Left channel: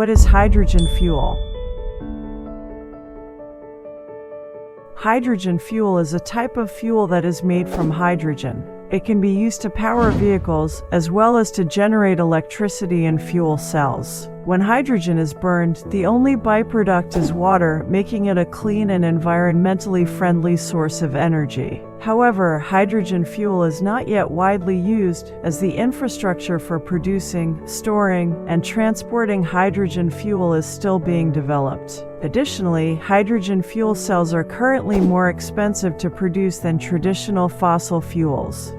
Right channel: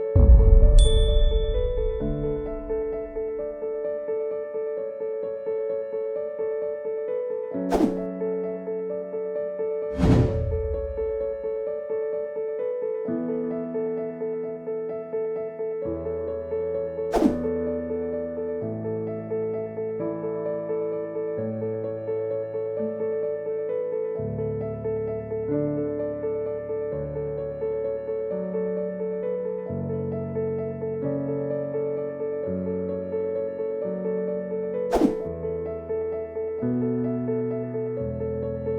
What is hydrogen fuel? Hydrogen fuel is a type of fuel that is made from hydrogen. It can be used to power vehicles as well as to generate electricity in fuel cells. When hydrogen is burned, the only byproduct is water, making it a clean and environmentally friendly source of energy. However, hydrogen fuel is not yet widely used, as the infrastructure for producing, storing, and transporting hydrogen fuel is still being developed. Additionally, hydrogen fuel cells are currently more expensive to produce than traditional fossil fuels.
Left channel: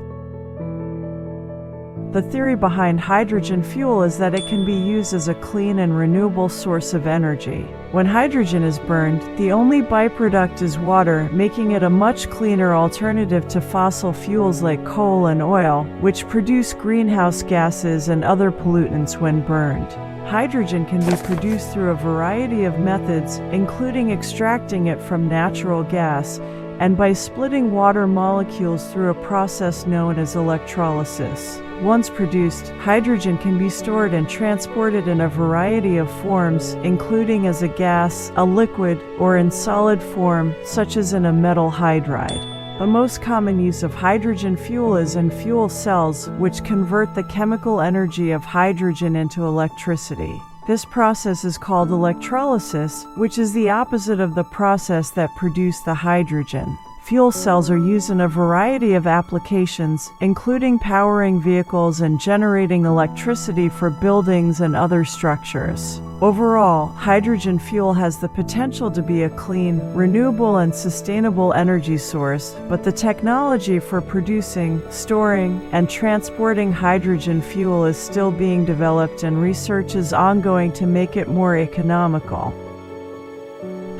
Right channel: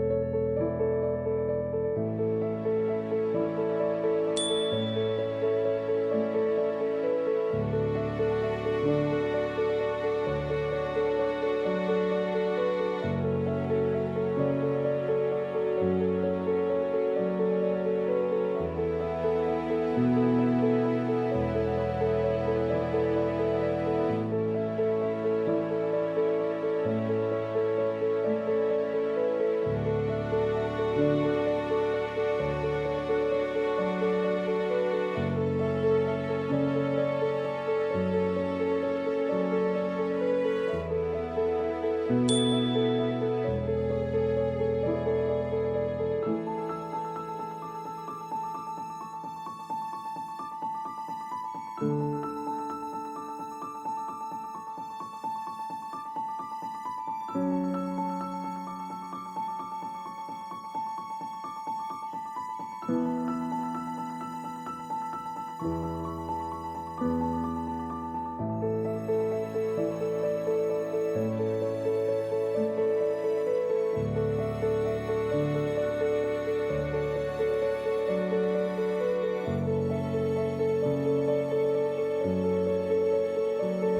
The theory behind hydrogen fuel is that it can be used as a clean and renewable source of energy. When hydrogen is burned, the only byproduct is water, making it a much cleaner alternative to fossil fuels like coal and oil, which produce greenhouse gases and other pollutants when burned. Hydrogen can be produced through a variety of methods, including extracting it from natural gas, and by splitting water molecules through a process known as electrolysis. Once produced, hydrogen can be stored and transported in a variety of forms, including as a gas, a liquid, or in solid form, such as in a metal hydride. The most common use of hydrogen fuel is in fuel cells, which convert the chemical energy of hydrogen into electricity. This process is called electrolysis, which is the opposite of the process that produced the hydrogen. Fuel cells are used in a variety of applications, including powering vehicles and generating electricity for buildings and other structures. Overall, hydrogen fuel has the potential to be a clean, renewable, and sustainable energy source, but the technology for producing, storing, and transporting hydrogen fuel is still being developed, and research is ongoing to make it more economical.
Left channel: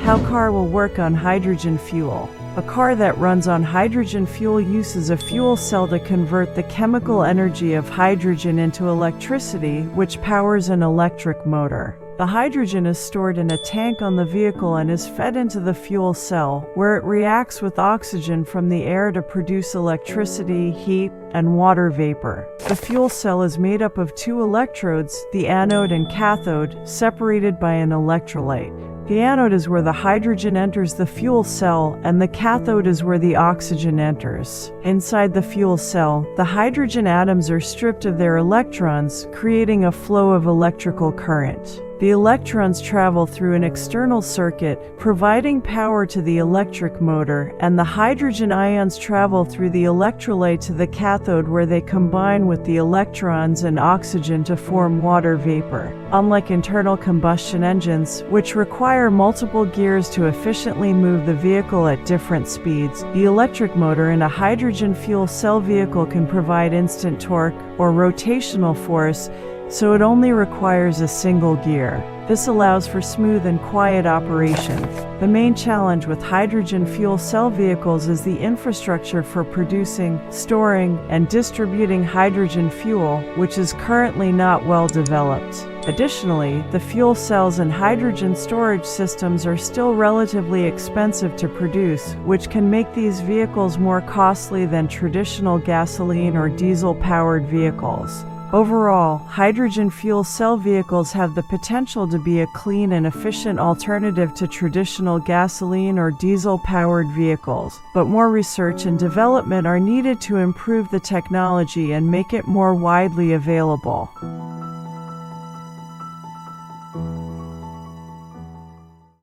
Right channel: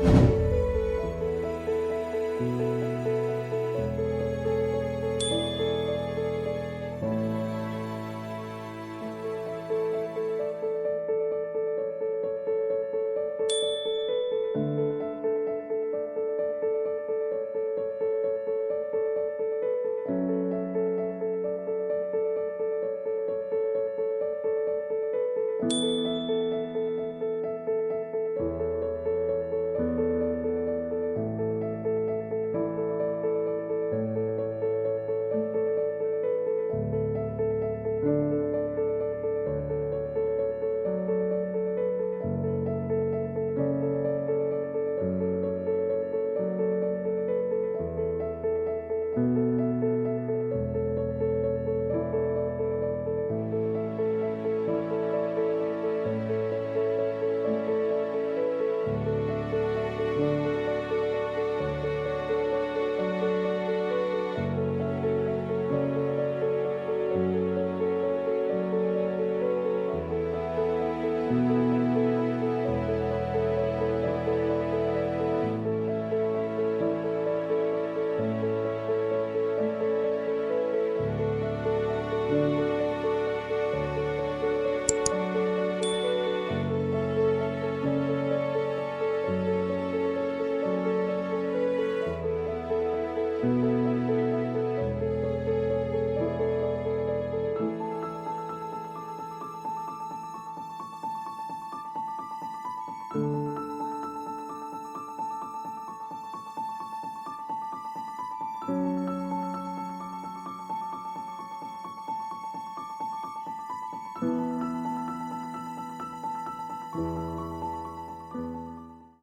How a car will work on hydrogen fuel. A car that runs on hydrogen fuel uses a fuel cell to convert the chemical energy of hydrogen into electricity, which powers an electric motor. The hydrogen is stored in a tank on the vehicle and is fed into the fuel cell, where it reacts with oxygen from the air to produce electricity, heat, and water vapor. The fuel cell is made up of two electrodes, the anode and cathode, separated by an electrolyte. The anode is where the hydrogen enters the fuel cell, and the cathode is where the oxygen enters. Inside the fuel cell, the hydrogen atoms are stripped of their electrons, creating a flow of electrical current. The electrons travel through an external circuit, providing power to the electric motor, and the hydrogen ions travel through the electrolyte to the cathode, where they combine with the electrons and oxygen to form water vapor. Unlike internal combustion engines, which require multiple gears to efficiently move the vehicle at different speeds, the electric motor in a hydrogen fuel cell vehicle can provide instant torque, or rotational force, so it only requires a single gear. This allows for smooth and quiet operation. The main challenge with hydrogen fuel cell vehicles is the infrastructure for producing, storing, and distributing hydrogen fuel, which is currently not well developed. Additionally, the fuel cells and hydrogen storage systems are still relatively expensive to produce, which can make these vehicles more costly than traditional gasoline or diesel-powered vehicles. Overall, hydrogen fuel cell vehicles have the potential to be a clean and efficient alternative to traditional gasoline or diesel-powered vehicles, but more research and development are needed to improve the technology and make it more widely available.